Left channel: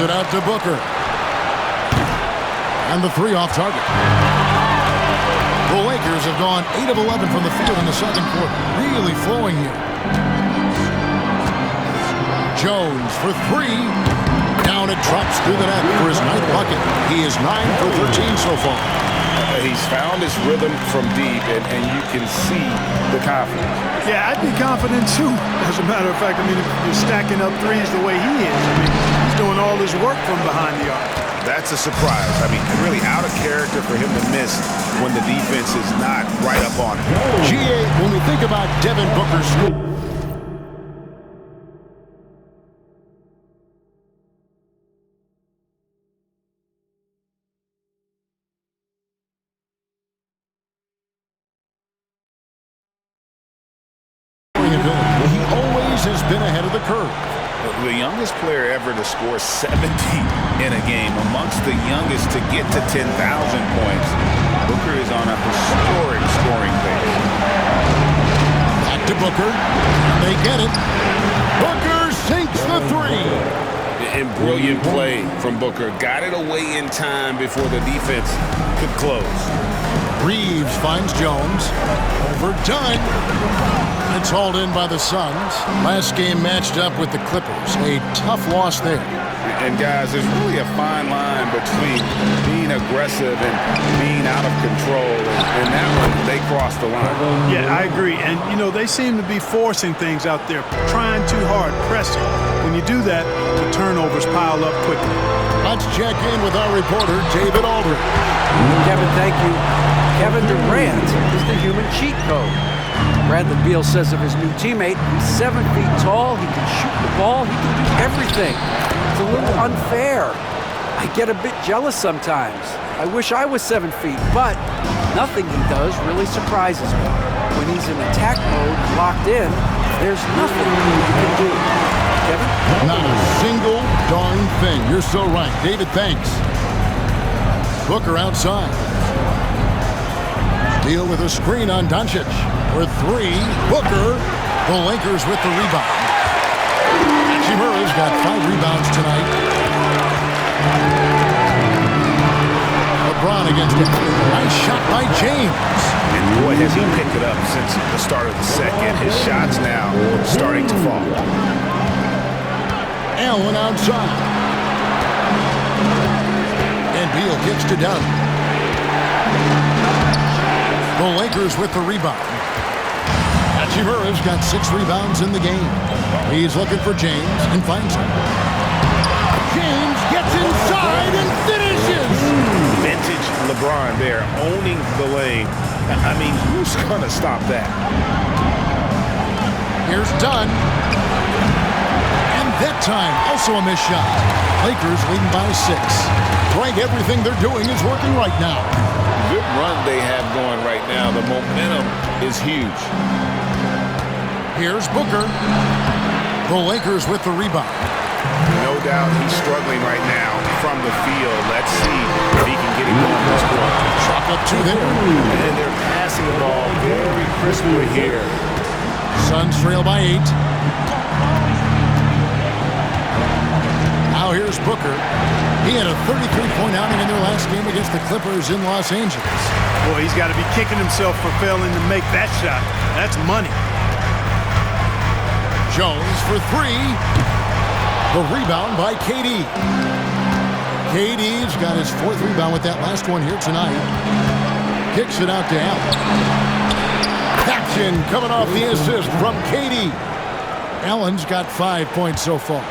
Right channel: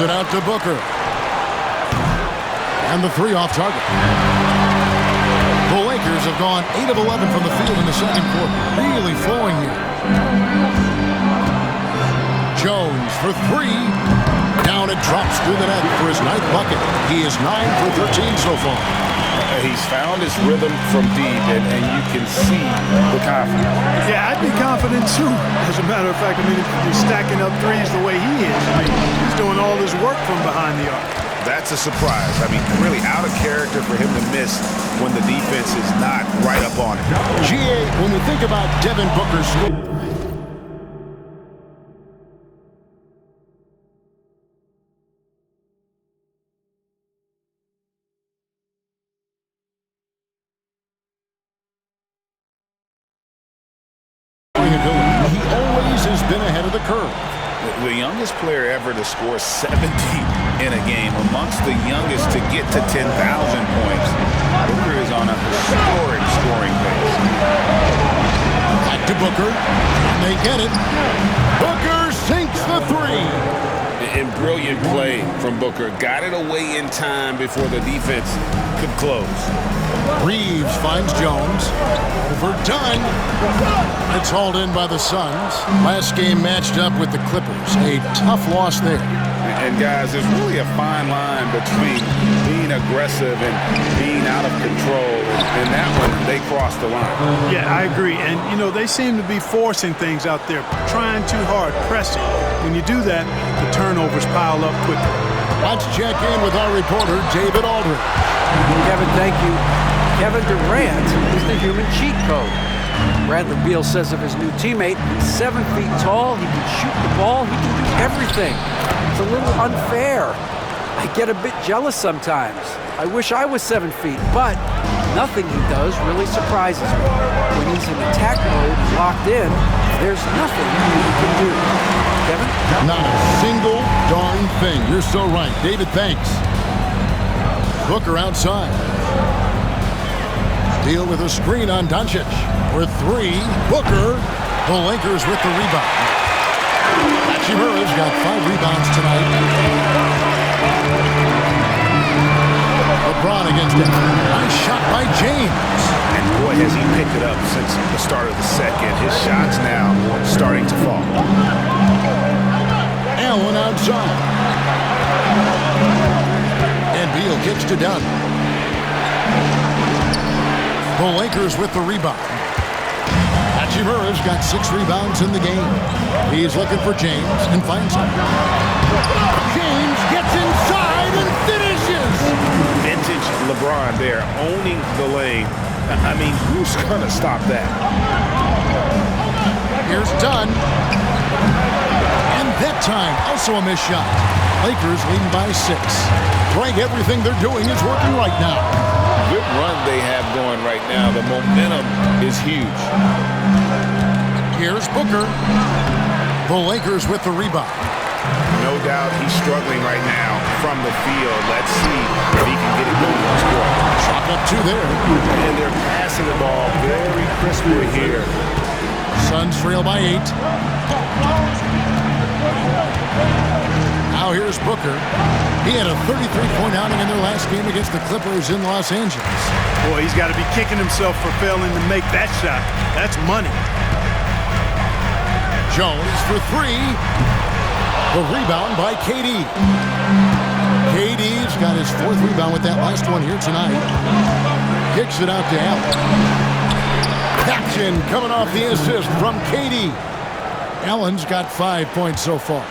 Kicks it out to Booker. And the three off target. The Lakers have gone 8 of 11 from the field in the second quarter. Really flowing here. Jones for three. Down it drops through the net for his 9th bucket. He is 9 for 13 so far. He's found his rhythm from deep, and you can see the confidence. Yeah, I'd be confident too. As a matter of fact, I mean, if you're stacking up threes the way he is, I mean, he's doing all his work from behind the arc. That's a surprise. I mean, really out of character for him to miss when the defense is not right up on it. GA, when we think about Devin Booker's scoop. Ability. He always has been ahead of the curve. The youngest player ever to score 70 in a game, amongst the youngest to get to 10,000 points. Booker is on a historic scoring pace. Back to Booker, and they get it. Booker sinks the three. And brilliant play from Booker. Got it away in time before the defense could close. Reeves finds Jones. Overdone. It's hauled in by the Suns. Last game matched up with the Clippers. A tough loss there. And guys, there's really a fine line between being aggressive and being out of control. And that one, they crossed the line. Yeah, I agree. And, you know, they seem to be forcing things out there, trying too hard, pressing. When you do that, the turnovers pile up quickly. Let's check in with our reporter, David Aldridge. Kevin, thank you. Kevin Durant is the human cheat code. Bradley Beal says of his new teammate, he's 7 feet tall, he can shoot the ball, he can do everything. It's a little unfair. I get a bit jealous sometimes. I wish I was 7 feet, but nothing he does really surprises me. When he's in attack mode and locked in, there's nothing he can do. Kevin? Not a single darn thing. You're so right. David, thanks. Booker outside. Deal with a screen on Doncic. For three, Booker. The Lakers with the rebound. Hachimura's got 5 rebounds tonight. LeBron against it. Nice shot by James. And boy, has he picked it up since the start of the second. His shots now starting to fall. Allen outside. And Beal kicks to Dunn. The Lakers with the rebound. Hachimura's got 6 rebounds in the game. He's looking for James and finds him. James gets inside and finishes. Vintage LeBron there, owning the lane. I mean, who's going to stop that? Here's Dunn. And that time, also a missed shot. Lakers leading by 6. Greg, everything they're doing is working right now. Good run they have going right now. The momentum is huge. Here's Booker. The Lakers with the rebound. No doubt he's struggling right now from the field. Let's see if he can get it going this quarter. Chalk up 2 there. And they're passing the ball very crisply here. Suns trail by 8. Now here's Booker. He had a 33-point outing in their last game against the Clippers in Los Angeles. Boy, he's got to be kicking himself for failing to make that shot. That's money. Jones for 3. The rebound by KD. KD's got his 4th rebound with that last one here tonight. Kicks it out to Allen. Action coming off the assist from KD. Allen's got 5 points so far.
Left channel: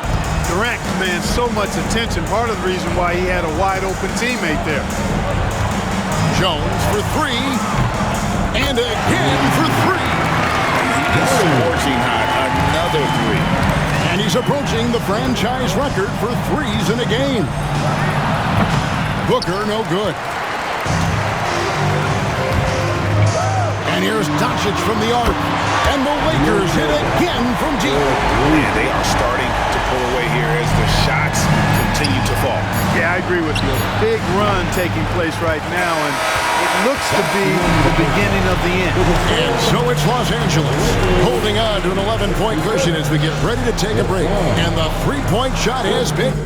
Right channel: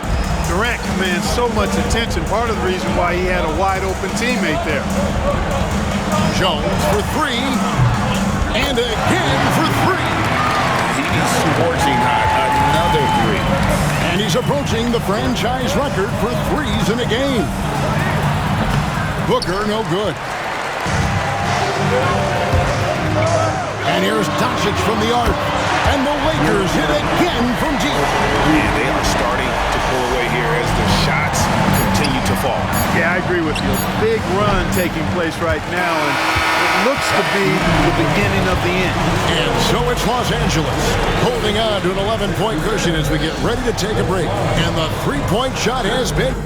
Durant commands so much attention, part of the reason why he had a wide-open teammate there. Jones for 3. And again for 3. He's scorching hot. Another 3. And he's approaching the franchise record for 3s in a game. Booker, no good. And here's Doncic from the arc. And the Lakers hit again from deep. And they are starting to pull away here as the shots continue to fall. Yeah, I agree with you. A big run taking place right now, and it looks to be the beginning of the end. And so it's Los Angeles holding on to an 11-point cushion as we get ready to take a break. And the 3-point shot has been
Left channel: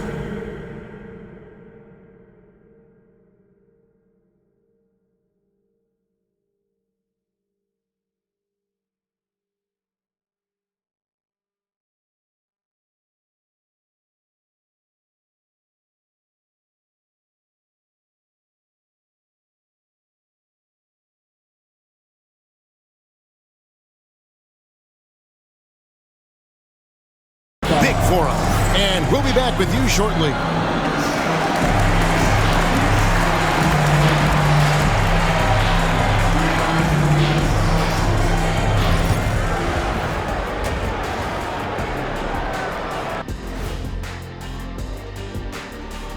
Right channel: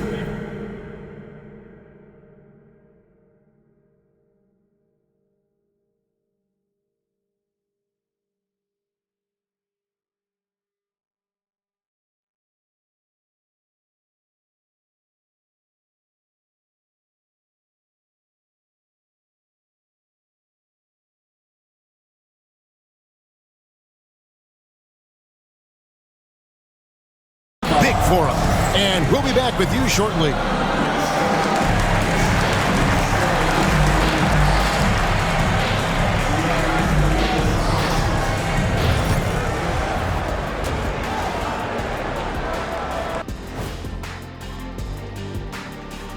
break for him. And we'll be back with you shortly.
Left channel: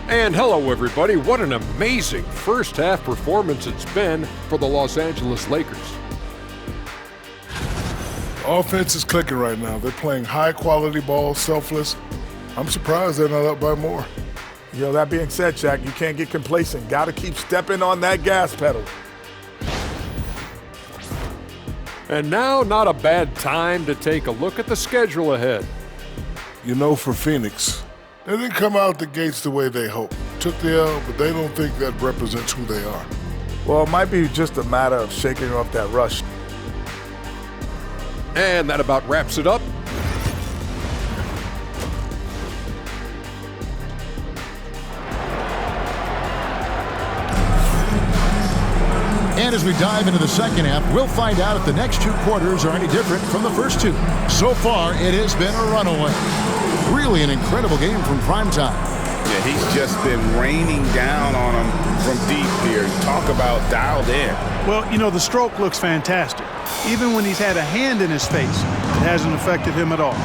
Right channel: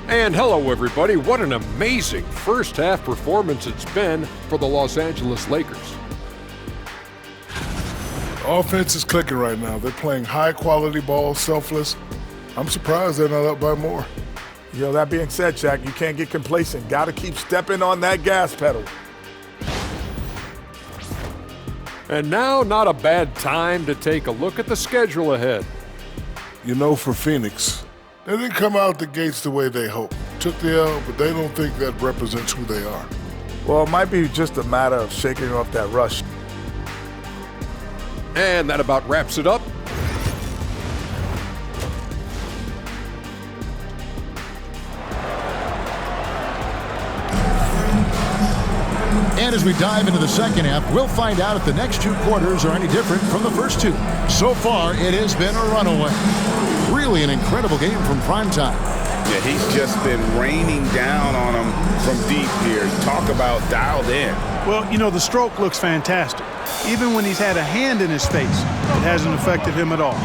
And hello, everybody. What an amazing first-half performance it's been for the Los Angeles Lakers. Offense is clicking right now. They're playing high-quality ball, selfless. I'm surprised they're not up by more. That being said, Shaq, you can't get complacent. Got to keep stepping on that gas pedal. And now, not a bad time to take a look at the schedule ahead. For Phoenix, they didn't come out the gates the way they hoped. Took the L, but they don't think that represents who they are. Well, it might be just a matter of shaking off that rush. And that about wraps it up. And as we dive into the second half, we'll find out if the next two quarters are any different from the first two. So far, it has been a runaway. Really an incredible game from primetime. Yeah, he's just been raining down on them from deep here. Talk about dialed in. Well, the stroke looks fantastic. Even when he's had a hand in his face, it hasn't affected him at all.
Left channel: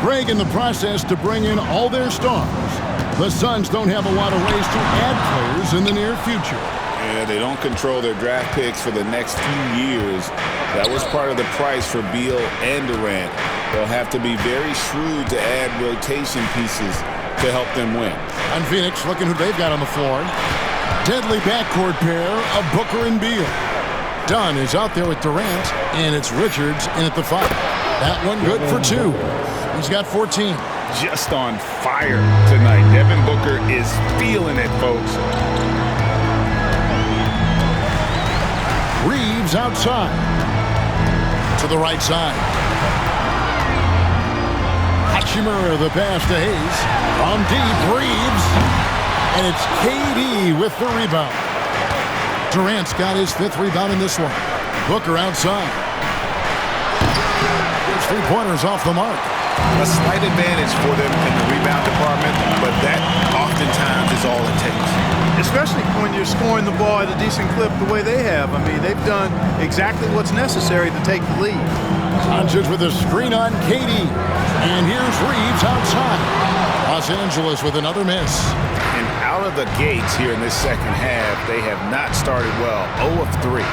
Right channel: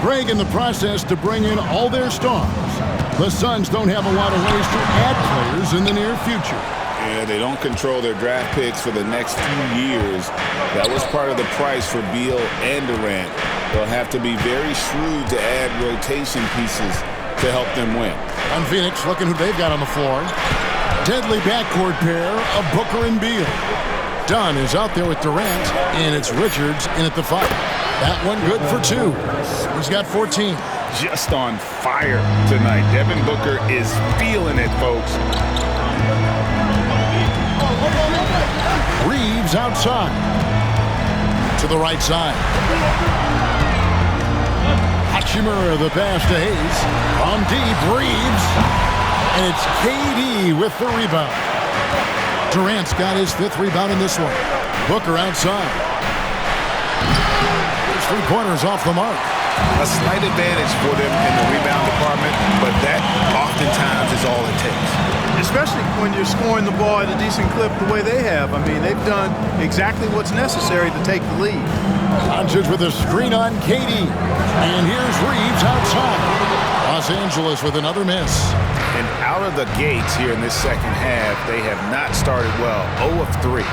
Greg in the process to bring in all their stars. The Suns don't have a lot of ways to add players in the near future. Yeah, they don't control their draft picks for the next few years. That was part of the price for Beal and Durant. They'll have to be very shrewd to add rotation pieces to help them win. On Phoenix, looking who they've got on the floor. Deadly backcourt pair of Booker and Beal. Dunn is out there with Durant, and it's Richards in at the 5. That one good for 2. He's got 14. Just on fire tonight. Devin Booker is feeling it, folks. Reeves outside. To the right side. Hachimura the pass to Hayes. From deep, Reeves. And it's KD with the rebound. Durant's got his 5th rebound in this one. Booker outside. His 3-pointers off the mark. A slight advantage for them in the rebound department, but that oftentimes is all it takes. Especially when you're scoring the ball at a decent clip the way they have. I mean, they've done exactly what's necessary to take the lead. Sanchez with a screen on KD. And here's Reeves outside. Los Angeles with another miss. And out of the gates here in this second half, they have not started well. 0 of 3.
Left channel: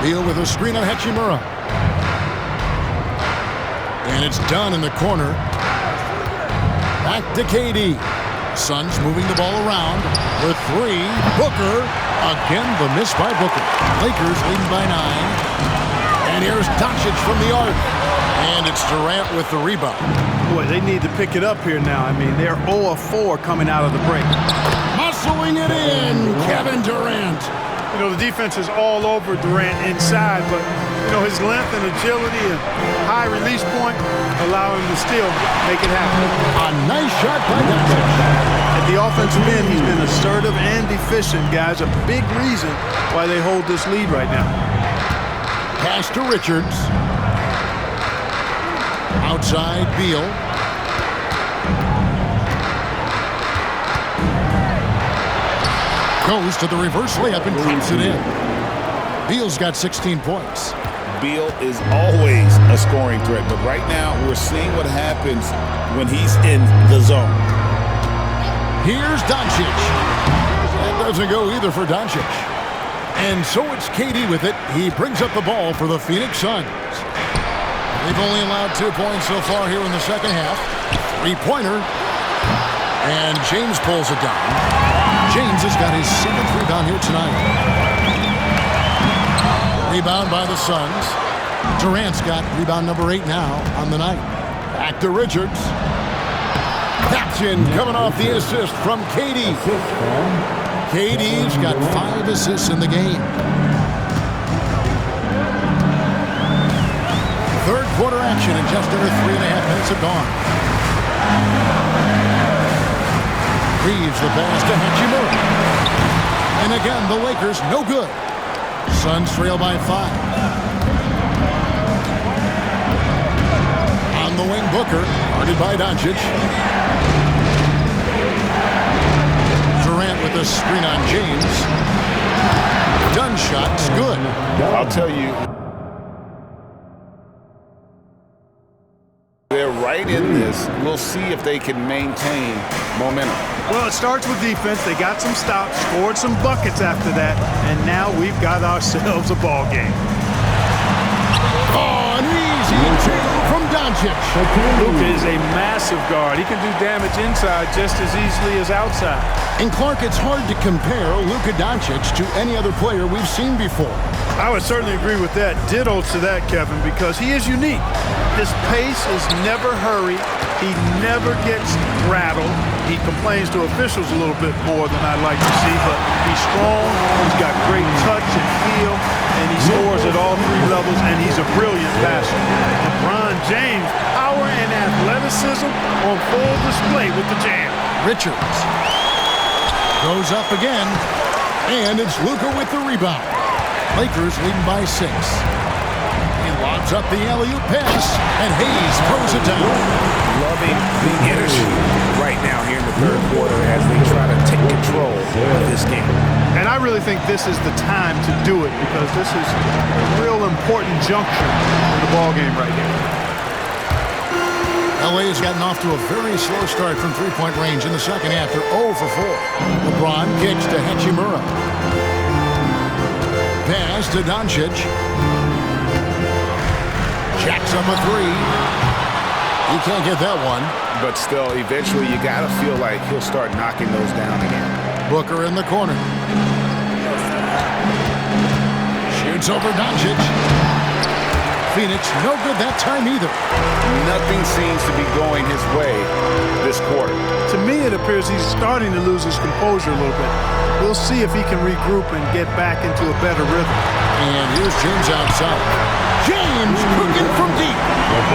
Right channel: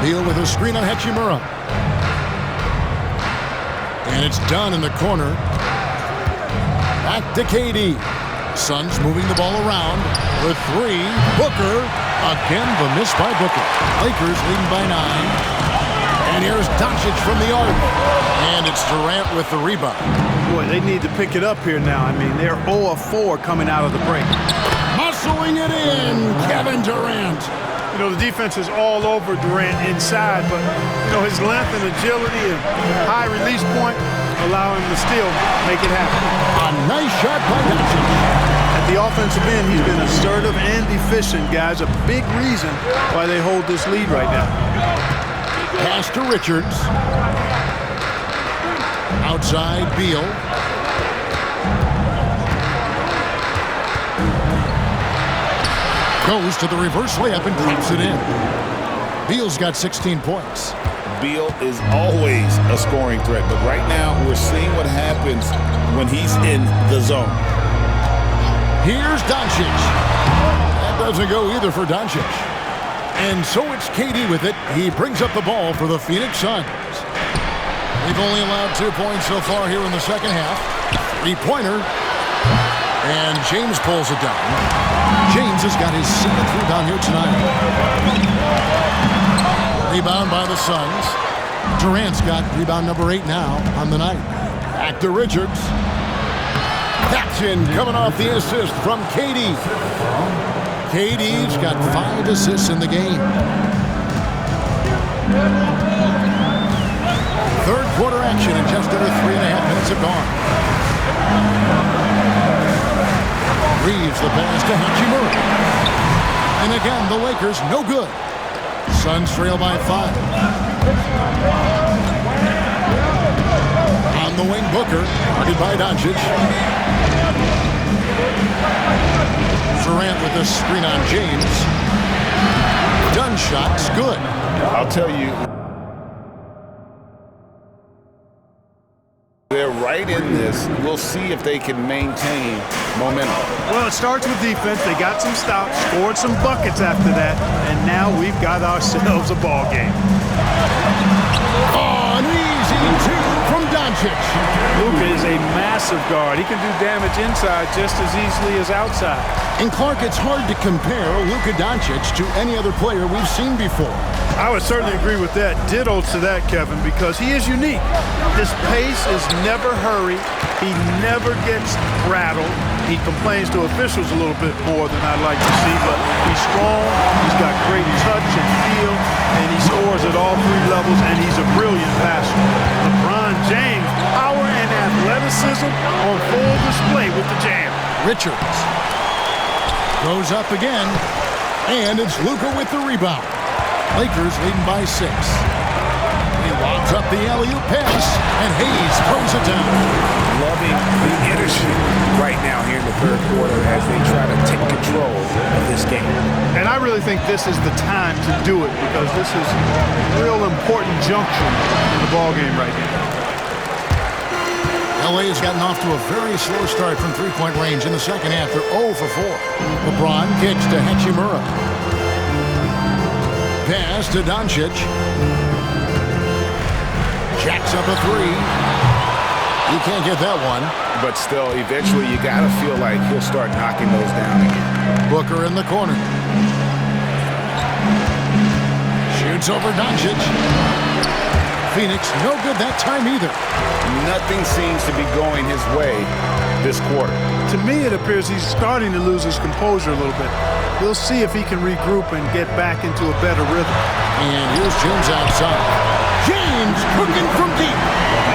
Beal with a screen on Hachimura. And it's Dunn in the corner. Back to KD. Suns moving the ball around with 3. Booker. Again, the miss by Booker. Lakers leading by 9. And here's Doncic from the arc. And it's Durant with the rebound. Boy, they need to pick it up here now. I mean, they're 0 of 4 coming out of the break. Muscling it in, Kevin Durant. The defense is all over Durant inside, but, his length and agility and high release point allow him to still make it happen. A nice shot by Doncic. At the offensive end, he's been assertive and efficient, guys. A big reason why they hold this lead right now. Pass to Richards. Outside, Beal. Goes to the reverse layup and drops it in. Beal's got 16 points. Beal is always a scoring threat, but right now we're seeing what happens when he's in the zone. Here's Doncic. That doesn't go either for Doncic. And so it's KD with it. He brings up the ball for the Phoenix Suns. They've only allowed 2 points so far here in the second half. 3-pointer. And James pulls it down. James has got his 7th rebound here tonight. Rebound by the Suns. Durant's got rebound number 8 now on the night. Back to Richards. Paxson coming off the assist from KD. KD's got 5 assists in the game. Third quarter action, and just under 3.5 minutes have gone. Reeves the pass to Hachimura. And again, the Lakers no good. Suns trail by 5. On On the wing, Booker, guarded by Doncic. Durant with a screen on James. Dunn shot's good. I'll tell you, they're right in this. We'll see if they can maintain momentum. Well, it starts with defense. They got some stops, scored some buckets after that, and now we've got ourselves a ball game. Oh, an easy two from Doncic. Luka is a massive guard. He can do damage inside just as easily as outside. And Clark, it's hard to compare Luka Doncic to any other player we've seen before. I would certainly agree with that. Ditto to that, Kevin, because he is unique. His pace is never hurried. He never gets rattled. He complains to officials a little bit more than I'd like to see, but he's strong, he's got great touch and feel, and he scores at all three levels, and he's a brilliant passer. LeBron James, power and athleticism on full display with the jam. Richards goes up again, and it's Luka with the rebound. Lakers leading by 6. He lobs up the alley-oop pass, and Hayes throws it down. Loving the energy right now here in the third quarter as they try to take control of this game. And I really think this is the time to do it because this is a real important junction in the ball game right here. LA has gotten off to a very slow start from three-point range in the second half. They're 0 for 4. LeBron kicks to Hachimura. Pass to Doncic. Jacks up a three. He can't get that one. But still, eventually you got to feel like he'll start knocking those down again. Booker in the corner. Shoots over Doncic. Phoenix no good that time either. Nothing seems to be going his way this quarter. To me, it appears he's starting to lose his composure a little bit. We'll see if he can regroup and get back into a better rhythm. And here's James outside. James cooking from deep.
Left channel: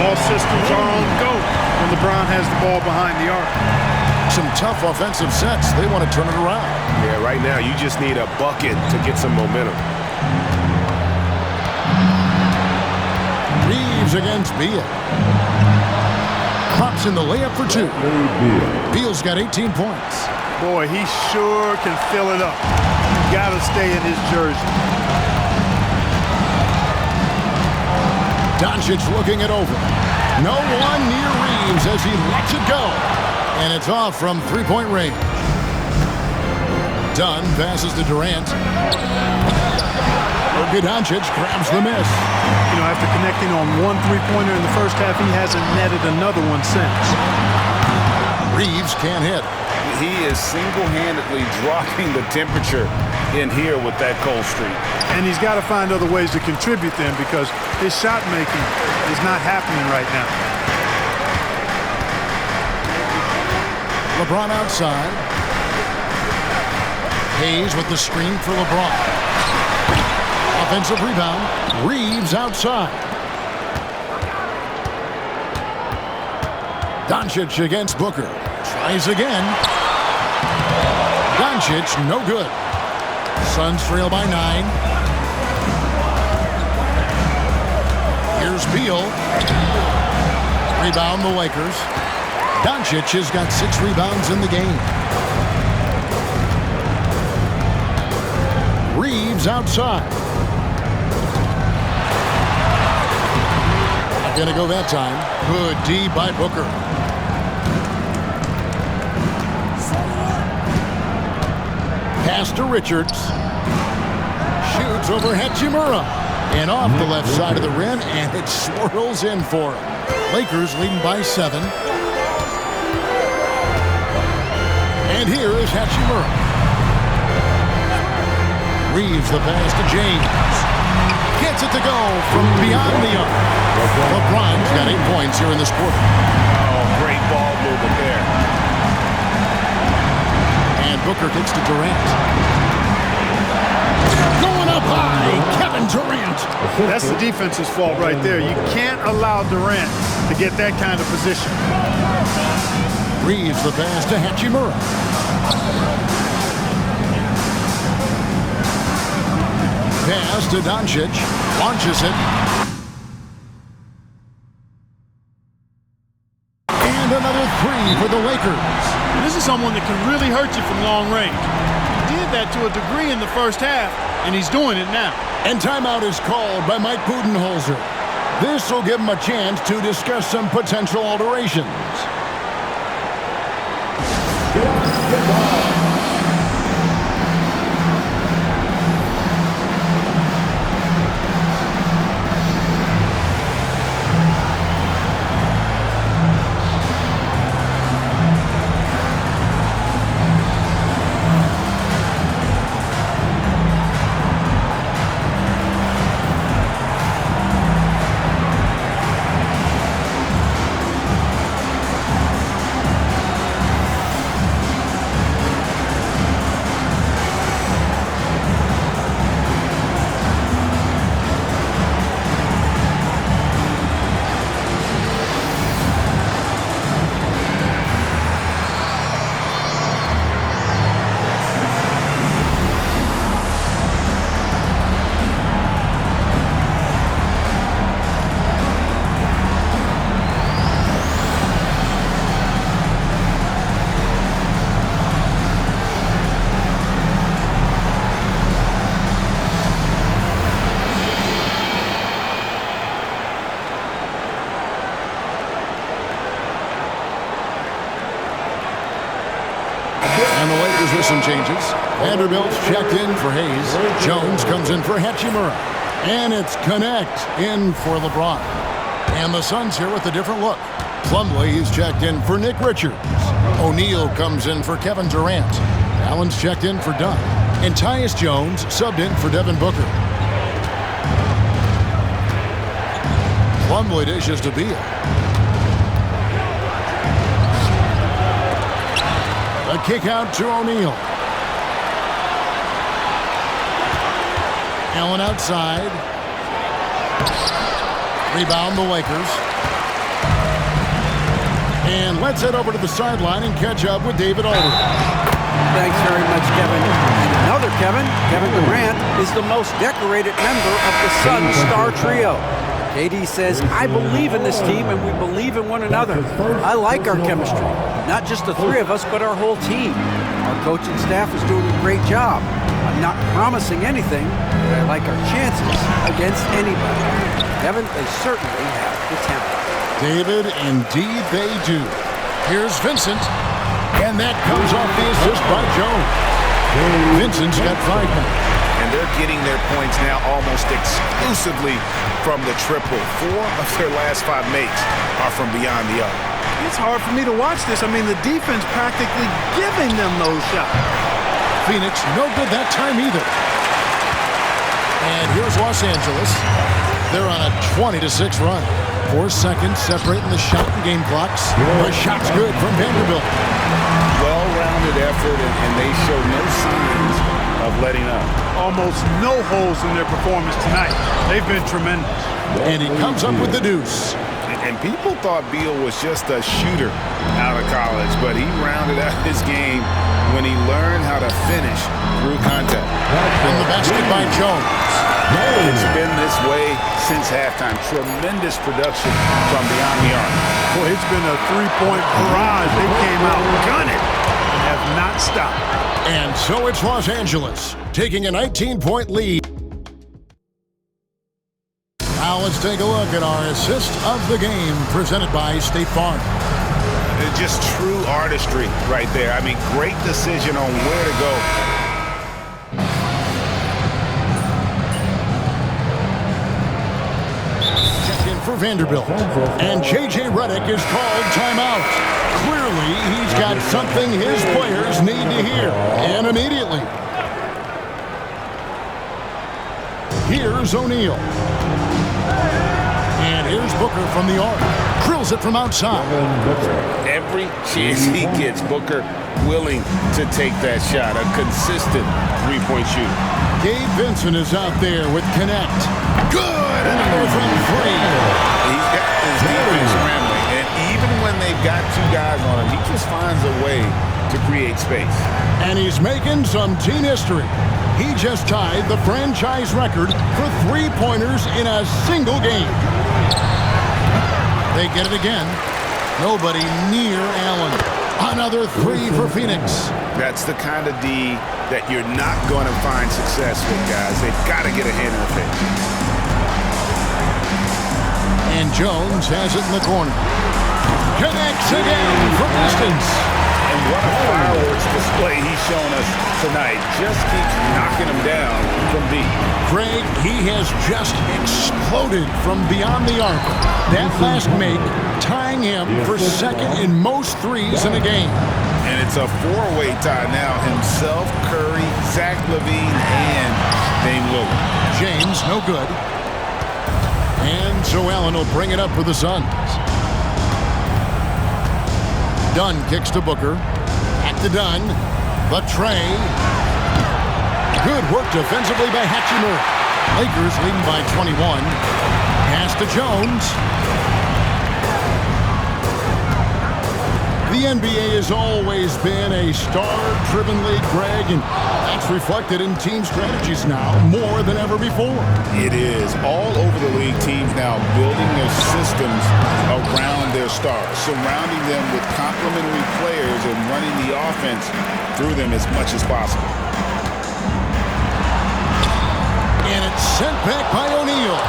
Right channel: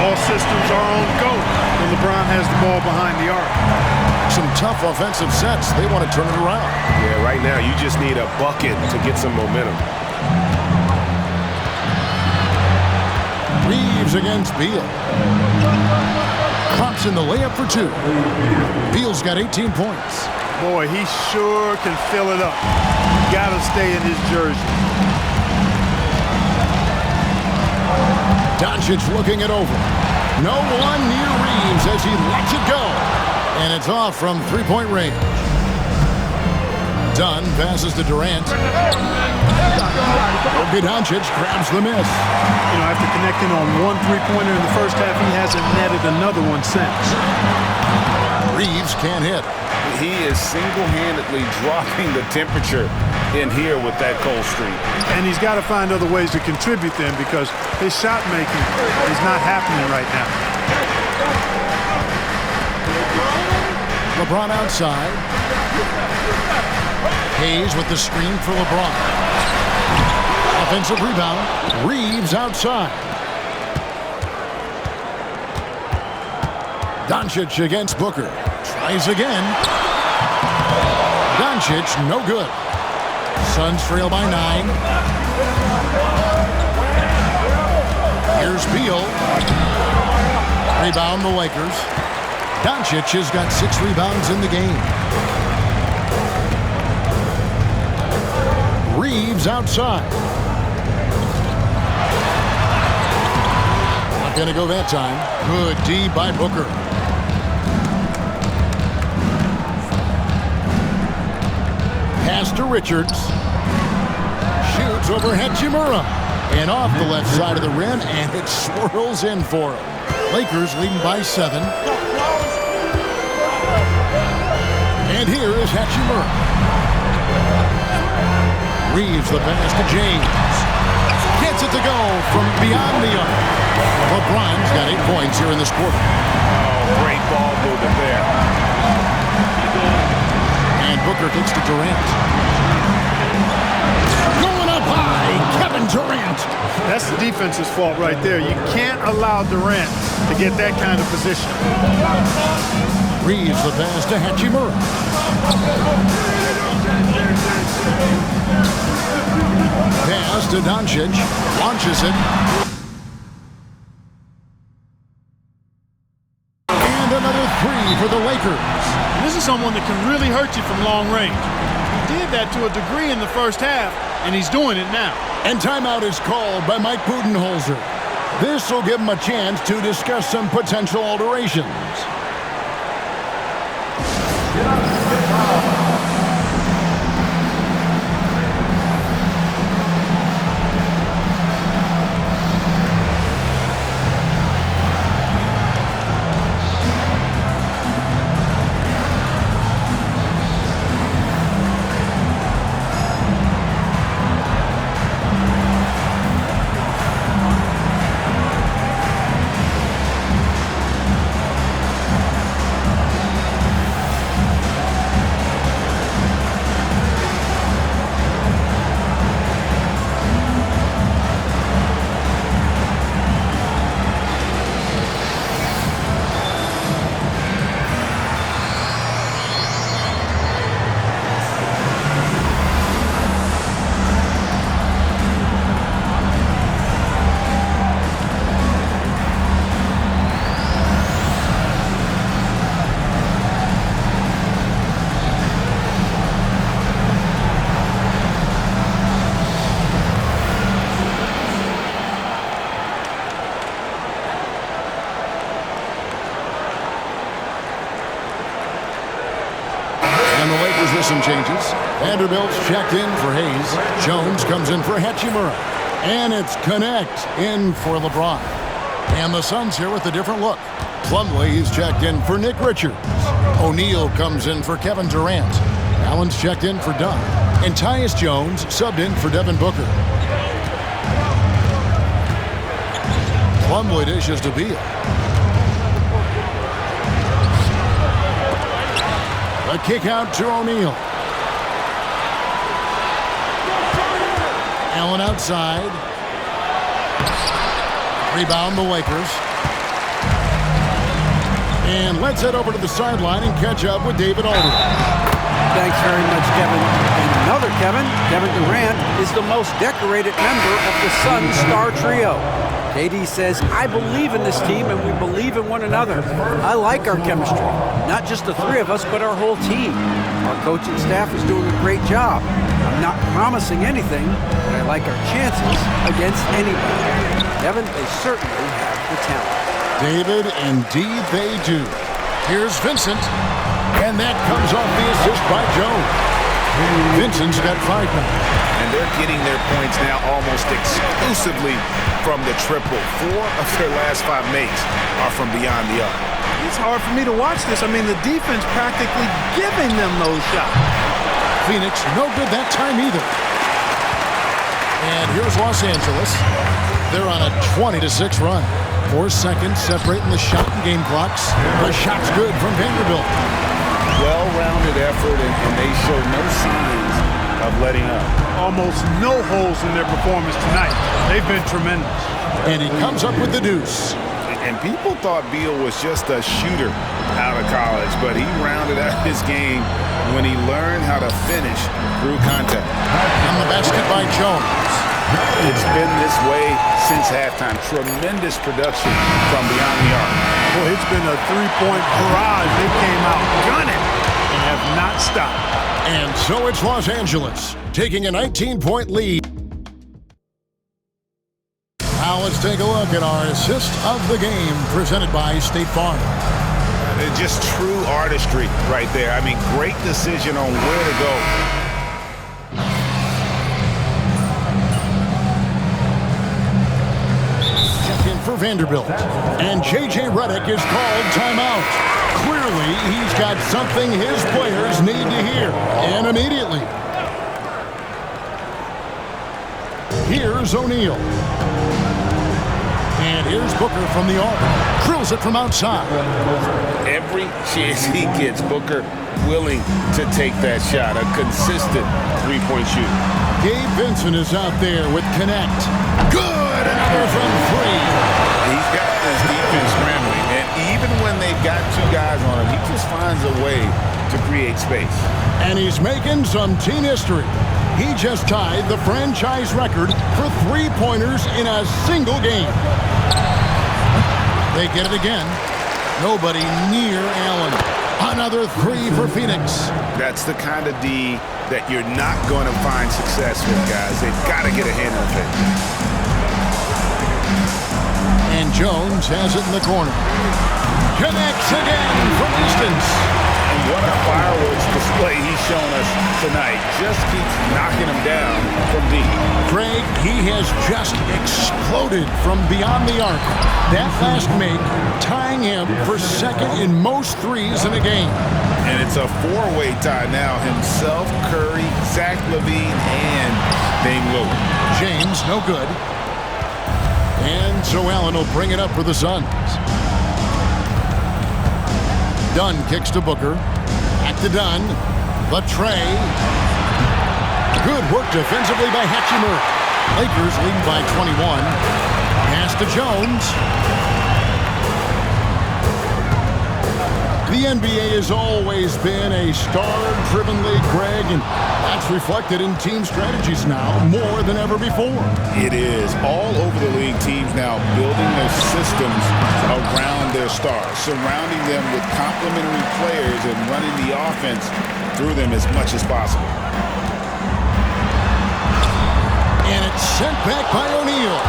All systems are on go when LeBron has the ball behind the arc. Some tough offensive sets. They want to turn it around. Yeah, right now you just need a bucket to get some momentum. Reeves against Beal. Drops in the layup for 2. Beal's got 18 points. Boy, he sure can fill it up. Got to stay in his jersey. Doncic looking it over. No one near Reeves as he lets it go. And it's off from three-point range. Dunn passes to Durant. Luka Doncic grabs the miss. You know, after connecting on one three-pointer in the first half, he hasn't netted another one since. Reeves can't hit. He is single-handedly dropping the temperature in here with that cold streak. And he's got to find other ways to contribute then because his shot making is not happening right now. LeBron outside. Hayes with the screen for LeBron. Offensive rebound. Reeves outside. Doncic against Booker. Tries again. Doncic, no good. Suns trail by 9. Here's Beal. Rebound the Lakers. Doncic has got 6 rebounds in the game. Reeves outside. Not going to go that time. Good D by Booker. Pass to Richards. Shoots over Hachimura. And off the left side of the rim, and it swirls in for him. Lakers leading by 7. And here is Hachimura. Reeves the pass to James. Gets it to go from beyond the arc. LeBron's got 8 points here in this quarter. Oh, great ball movement there. And Booker kicks to Durant. Going up high, Kevin Durant. That's the defense's fault right there. You can't allow Durant to get that kind of position. Reeves the pass to Hachimura. Pass to Doncic. Launches it. And another three for the Lakers. This is someone that can really hurt you from long range. He did that to a degree in the first half, and he's doing it now. And timeout is called by Mike Budenholzer. This will give him a chance to discuss some potential alterations. And the Lakers with some changes. Vanderbilt's checked in for Hayes. Jones comes in for Hachimura. And it's Connect in for LeBron. And the Suns here with a different look. Plumlee is checked in for Nick Richards. O'Neal comes in for Kevin Durant. Allen's checked in for Dunn. And Tyus Jones subbed in for Devin Booker. Plumlee dishes to Beal. A kick out to O'Neal. Allen outside. Rebound the Lakers. And let's head over to the sideline and catch up with David Aldridge. Thanks very much, Kevin. And another Kevin, Kevin Durant, is the most decorated member of the Suns star trio. KD says, I believe in this team and we believe in one another. I like our chemistry. Not just the three of us, but our whole team. Our coaching staff is doing a great job. I'm not promising anything, but I like our chances against anybody. Kevin, they certainly have the talent. David, indeed they do. Here's Vincent. And that comes off the assist by Jones. Vincent's got 5 now. And they're getting their points now almost exclusively from the triple. 4 of their last 5 makes are from beyond the arc. It's hard for me to watch this. I mean, the defense practically giving them those shots. Phoenix, no good that time either. And here's Los Angeles. They're on a 20-6 run. 4 seconds separating the shot and game clocks. The shot's good from Vanderbilt. Well-rounded effort, and they show no signs of letting up. Almost no holes in their performance tonight. They've been tremendous. And he comes up with the deuce. And people thought Beal was just a shooter out of college, but he rounded out his game when he learned how to finish through contact. And the basket by Jones. It's been this way since halftime. Tremendous production from beyond the arc. Boy, it's been a three-point barrage. They came out gunning and have not stopped. And so it's Los Angeles taking a 19-point lead. Now let's take a look at our assist of the game presented by State Farm. Just true artistry right there. I mean, great decision on where to go. Check in for Vanderbilt. And J.J. Redick is called timeout. Clearly, he's got something his players need to hear. And immediately. Here's O'Neal. And here's Booker from the arc. Drills it from outside. Every chance he gets, Booker willing to take that shot. A consistent three-point shooter. Gabe Vincent is out there with Connect. Good! Another from 3. He's got this defense scrambling, and even when they've got 2 guys on him, he just finds a way to create space. And he's making some team history. He just tied the franchise record for 3-pointers in a single game. They get it again. Nobody near Allen. Another three for Phoenix. That's the kind of D that you're not going to find success with, guys. They've got to get a hand in the face. And Jones has it in the corner. Connects again from distance. And what a fireworks display he's shown us tonight. Just keeps knocking them down from deep. Craig, he has just exploded from beyond the arc. That last make tying him for second in most threes in a game. And it's a four-way tie now. Himself, Curry, Zach LaVine, and Dame Lillard. James, no good. And so Allen will bring it up for the Suns. Dunn kicks to Booker. Back to Dunn. The tray. Good work defensively by Hachimura. Lakers leading by 21. Pass to Jones. The NBA has always been a star-driven league, Greg, and that's reflected in team strategies now more than ever before. It is. All over the league, teams now building their systems around their stars, surrounding them with complementary players and running the offense through them as much as possible. And it's sent back by O'Neal.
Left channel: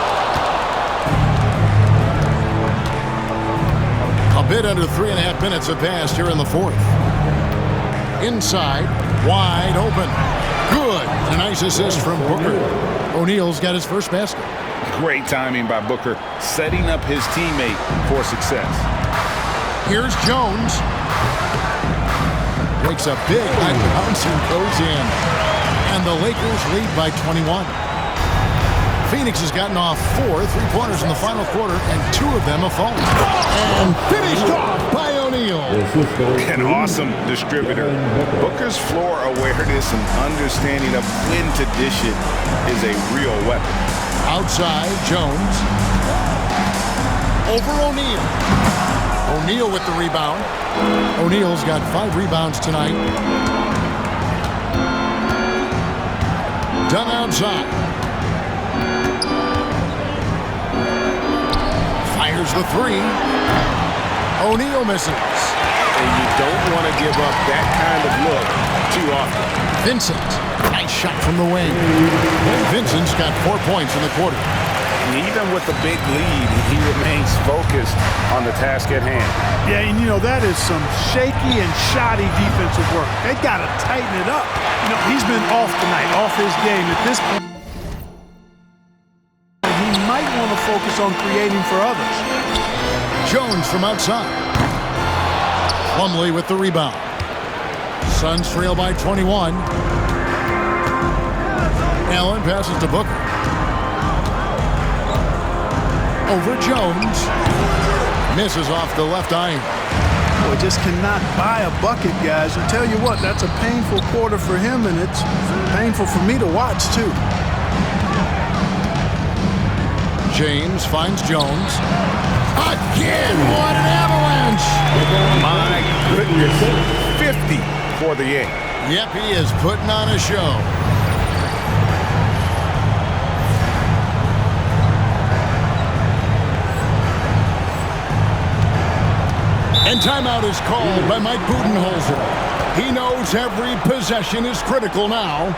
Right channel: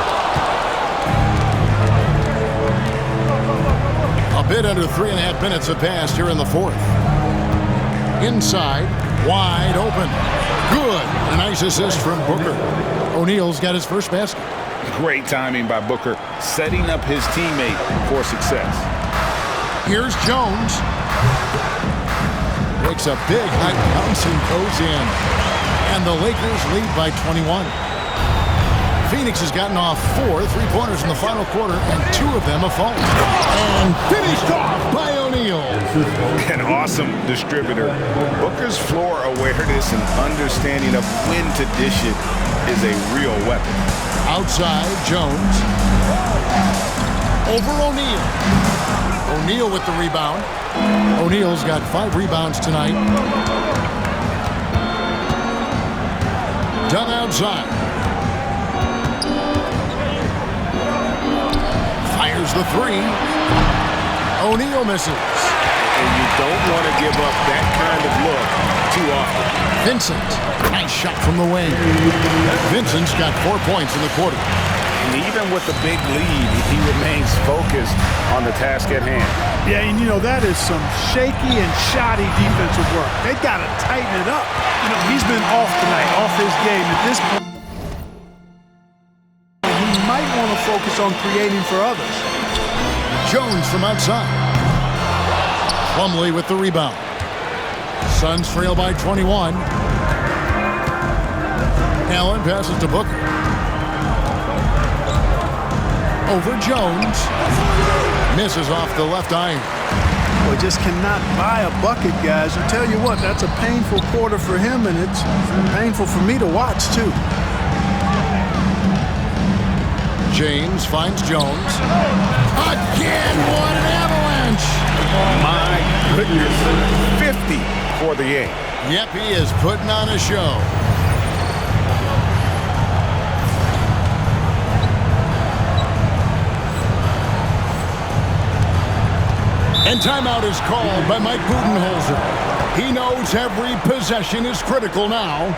A bit under 3.5 minutes have passed here in the fourth. Inside, wide open. Good. And a nice assist from Booker. O'Neal's got his first basket. Great timing by Booker, setting up his teammate for success. Here's Jones. Makes a big high bounce and goes in. And the Lakers lead by 21. Phoenix has gotten off 4 3-pointers in the final quarter, and 2 of them have fallen. And finished off by O'Neal. An awesome distributor. Booker's floor awareness and understanding of when to dish it is a real weapon. Outside, Jones. Over O'Neal. O'Neal with the rebound. O'Neal's got 5 rebounds tonight. Dunn outside. Fires the 3. O'Neal misses. And you don't want to give up that kind of look too often. Vincent, nice shot from the wing. Vincent's got 4 points in the quarter. And even with the big lead, he remains focused on the task at hand. Yeah, and you know, that is some shaky and shoddy defensive work. They got to tighten it up. You know, he's been off tonight, off his game. At this point, he might want to focus on creating for others. Jones from outside. Plumlee with the rebound. Suns trail by 21. Allen passes to Booker. Over Jones. Misses off the left iron. Boy, just cannot buy a bucket, guys. I tell you what, that's a painful quarter for him, and it's painful for me to watch, too. James finds Jones. Again, what an avalanche! My goodness, 50 for the game. Yep, he is putting on a show. And timeout is called by Mike Budenholzer. He knows every possession is critical now.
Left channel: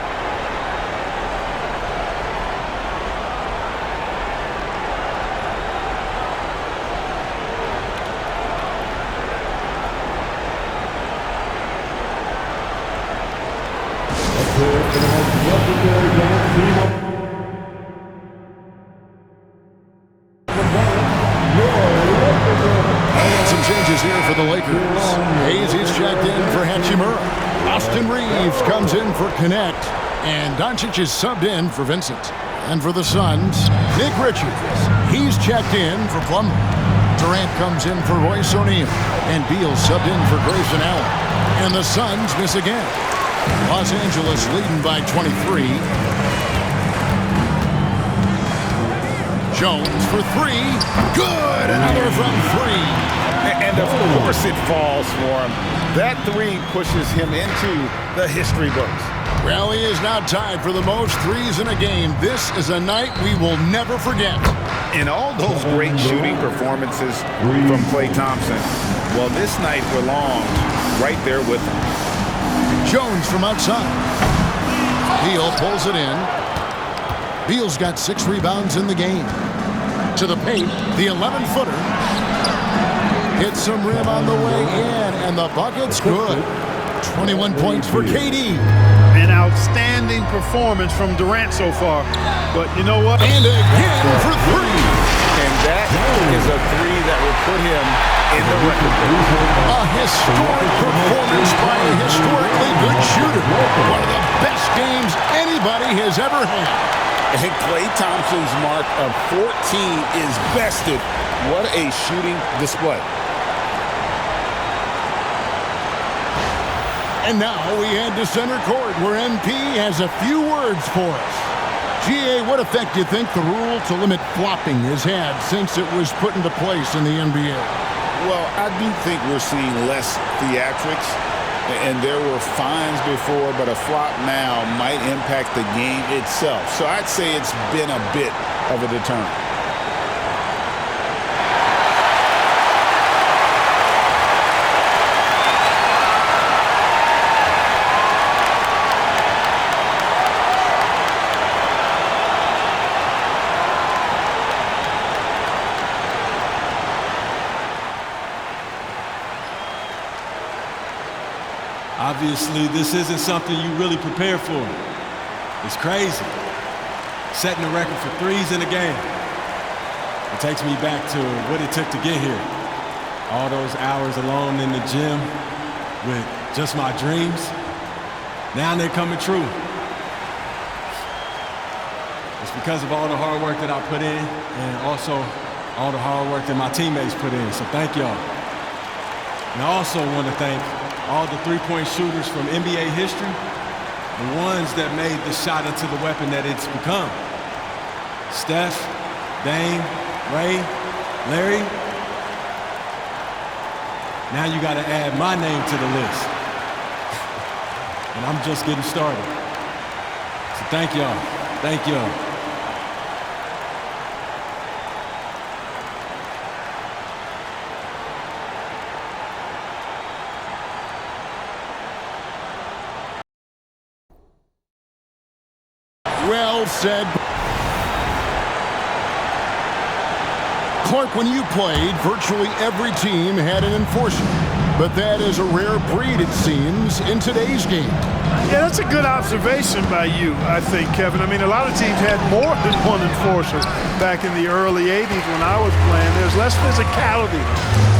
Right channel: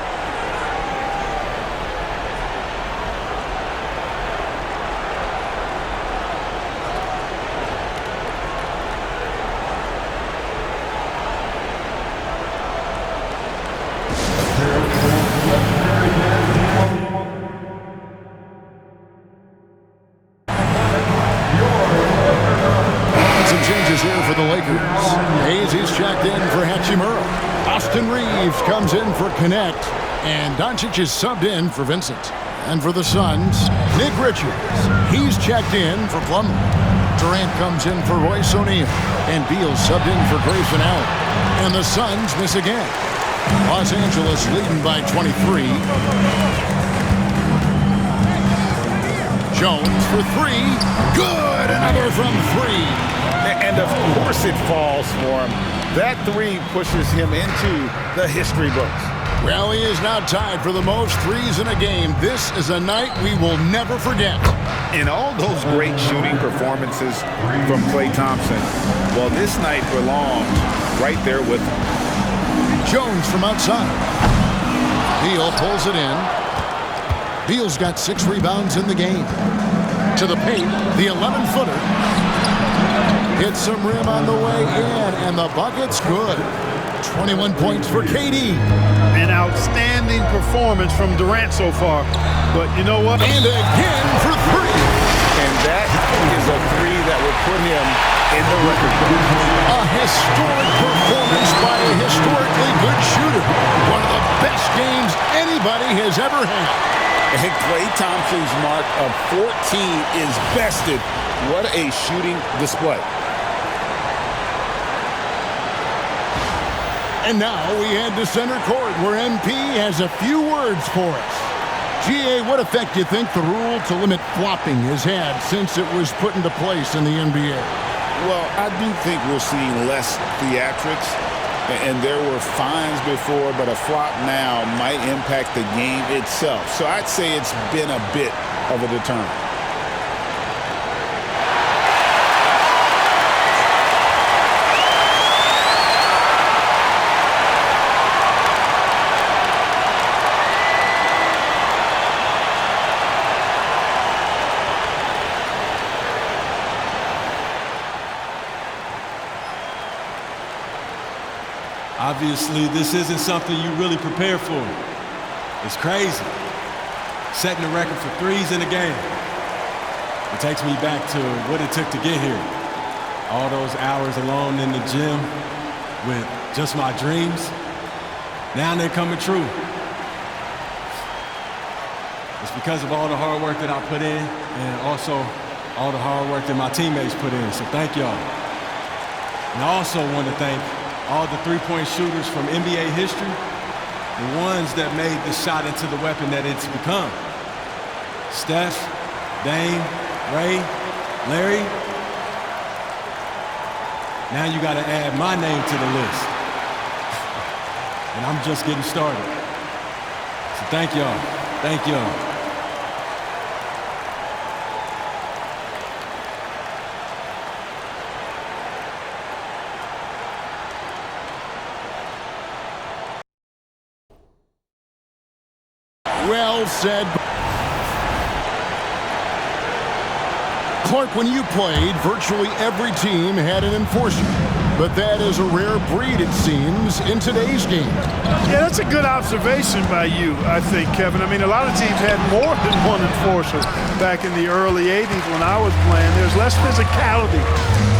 Here for the Lakers. Hayes checked in for Hachimura. Austin Reeves comes in for Connect. And Doncic is subbed in for Vincent. And for the Suns, Nick Richards. He's checked in for Plumlee. Durant comes in for Royce O'Neal. And Beal subbed in for Grayson Allen. And the Suns miss again. Los Angeles leading by 23. Jones for 3. Good! Another from 3. And of course it falls for him. That 3 pushes him into the history books. Well, he is now tied for the most threes in a game. This is a night we will never forget. In all those great shooting performances from Klay Thompson, Well, this night belongs right there with him. Jones from outside. Beal pulls it in. Beal's got 6 rebounds in the game. To the paint, the 11-footer. Hits some rim on the way in, and the bucket's good. 21 points for KD. An outstanding performance from Durant so far. But you know what? And again for 3. And that is a 3 that will put him in the record book. A historic performance by a historically good shooter. One of the best games anybody has ever had. And Klay Thompson's mark of 14 is bested. What a shooting display. And now we head to center court where MP has a few words for us. GA, what effect do you think the rule to limit flopping has had since it was put into place in the NBA? Well, I do think we're seeing less theatrics, and there were fines before, but a flop now might impact the game itself. So I'd say it's been a bit of a deterrent. Obviously, this isn't something you really prepare for. It's crazy. Setting the record for threes in a game. It takes me back to what it took to get here. All those hours alone in the gym with just my dreams. Now they're coming true. It's because of all the hard work that I put in and also all the hard work that my teammates put in. So thank y'all. And I also want to thank all the three-point shooters from NBA history, the ones that made the shot into the weapon that it's become. Steph, Dame, Ray, Larry. Now you got to add my name to the list. And I'm just getting started. So thank y'all. Thank y'all. Well said. Clark, when you played, virtually every team had an enforcer. But that is a rare breed, it seems, in today's game. Yeah, that's a good observation by you, I think, Kevin. I mean, a lot of teams had more than one enforcer back in the early 80s when I was playing. There's less physicality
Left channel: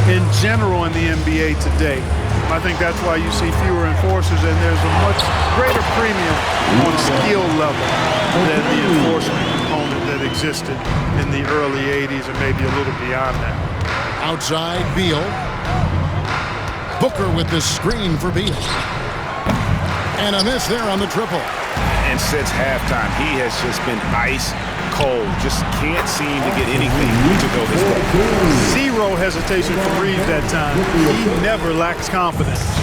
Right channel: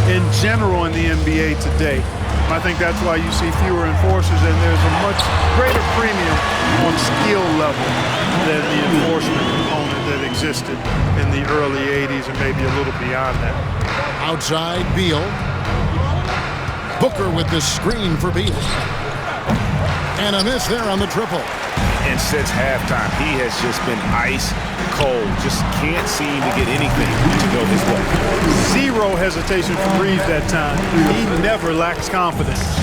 in general in the NBA today. I think that's why you see fewer enforcers, and there's a much greater premium on skill level than the enforcement component that existed in the early 80s and maybe a little beyond that. Outside, Beal. Booker with the screen for Beal. And a miss there on the triple. And since halftime, he has just been ice cold. Just can't seem to get anything to go his way. Zero hesitation from Reeves that time. He never lacks confidence.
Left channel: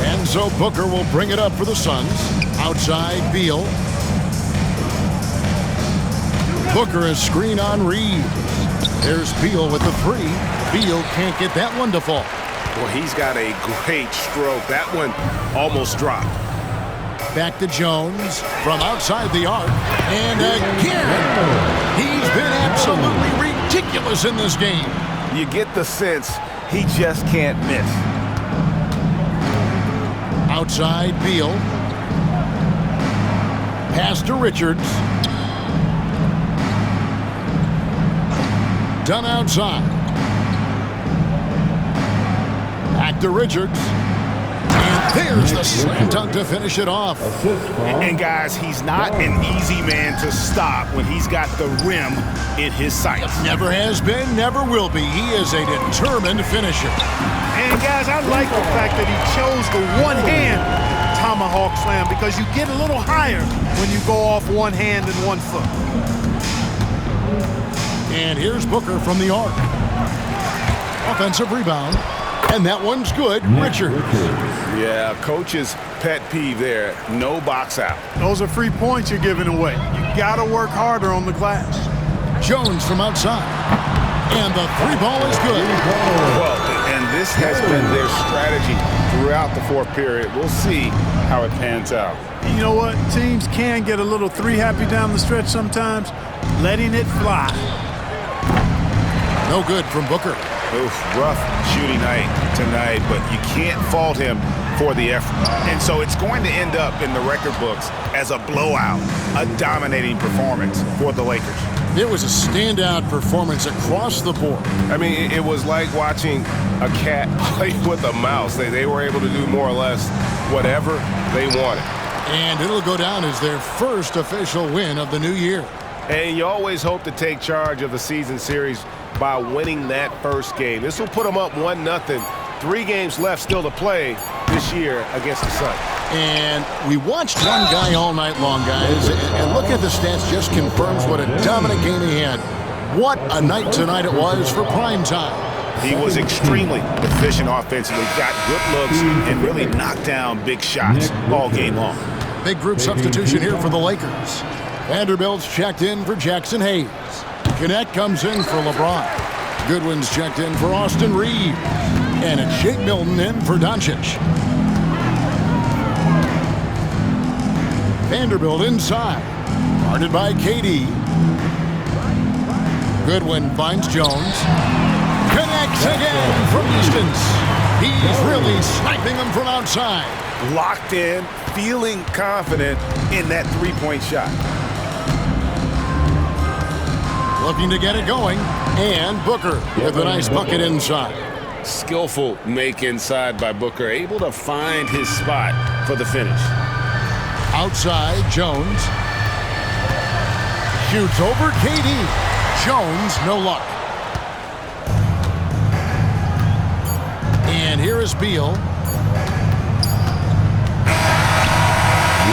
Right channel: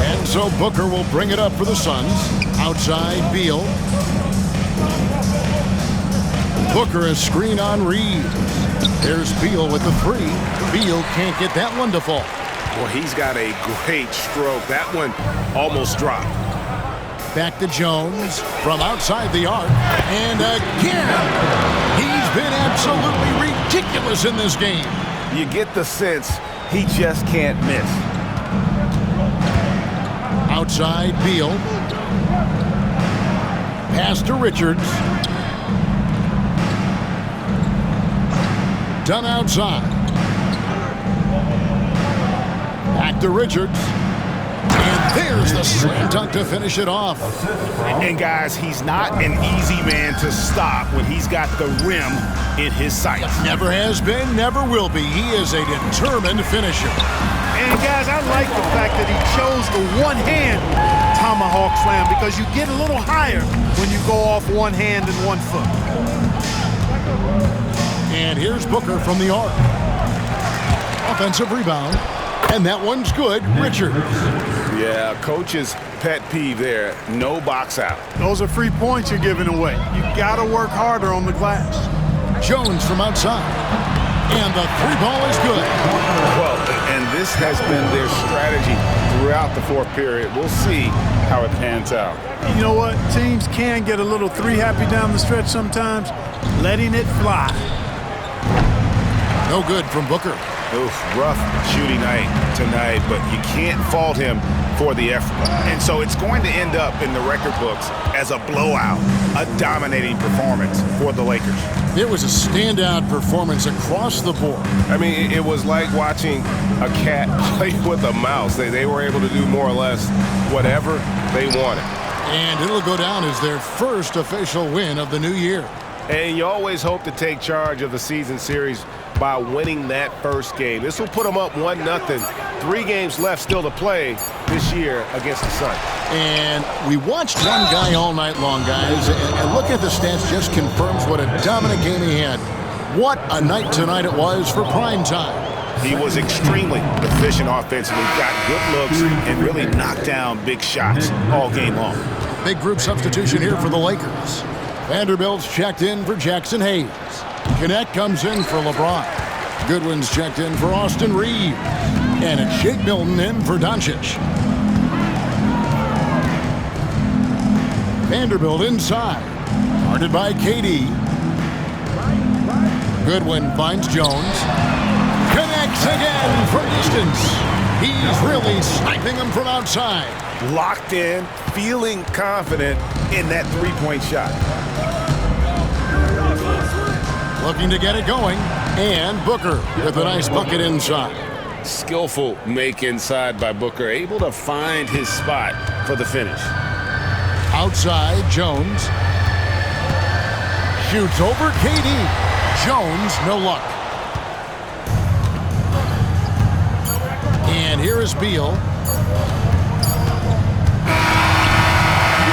And so Booker will bring it up for the Suns. Outside, Beal. Booker a screen on Reeves. There's Beal with the three. Beal can't get that one to fall. Well, he's got a great stroke. That one almost dropped. Back to Jones from outside the arc. And again, he's been absolutely ridiculous in this game. You get the sense he just can't miss. Outside, Beal. Pass to Richards. Done outside. Back to Richards. And there's the slam dunk to finish it off. And guys, he's not an easy man to stop when he's got the rim in his sights. Never has been, never will be. He is a determined finisher. And guys, I like the fact that he chose the one-hand tomahawk slam because you get a little higher when you go off one hand and 1 foot. And here's Booker from the arc. Offensive rebound. And that one's good. Richards. Yeah, coach's pet peeve there. No box out. Those are free points you're giving away. You got to work harder on the glass. Jones from outside. And the three ball is good. Well, and this has been their strategy throughout the fourth period. We'll see how it pans out. You know what? Teams can get a little three happy down the stretch sometimes, letting it fly. No good from Booker. Oof, rough shooting night tonight, but you can't fault him for the effort. And so it's going to end up in the record books as a blowout, a dominating performance for the Lakers. It was a standout performance across the board. I mean, it was like watching a cat play with a mouse. They were able to do more or less whatever they wanted. And it'll go down as their first official win of the new year. And you always hope to take charge of the season series by winning that first game. This will put them up 1-0. 3 games left still to play this year against the Suns. And we watched one guy all night long, guys, and look at the stats just confirms what a dominant game he had. What a night tonight it was for prime time. He was extremely efficient offensively, got good looks, and really knocked down big shots all game long. Big group substitution here for the Lakers. Vanderbilt's checked in for Jackson Hayes. Connect comes in for LeBron. Goodwin's checked in for Austin Reeves. And it's Shake Milton in for Doncic. Vanderbilt inside. Guarded by KD. Goodwin finds Jones. Connects again from distance. He's really sniping him from outside. Locked in, feeling confident in that three-point shot. Looking to get it going. And Booker with a nice bucket inside. Skillful make inside by Booker, able to find his spot for the finish. Outside, Jones. Shoots over KD. Jones, no luck. And here is Beal.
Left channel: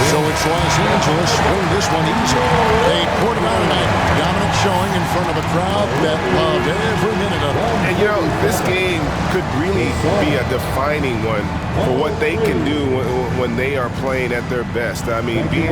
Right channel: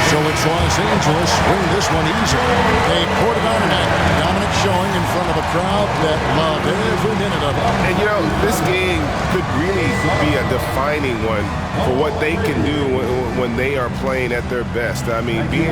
So it's Los Angeles winning this one easily. They poured it on tonight. Dominant showing in front of a crowd that loved every minute of it. And, you know, this game could really be a defining one for what they can do when they are playing at their best. I mean, being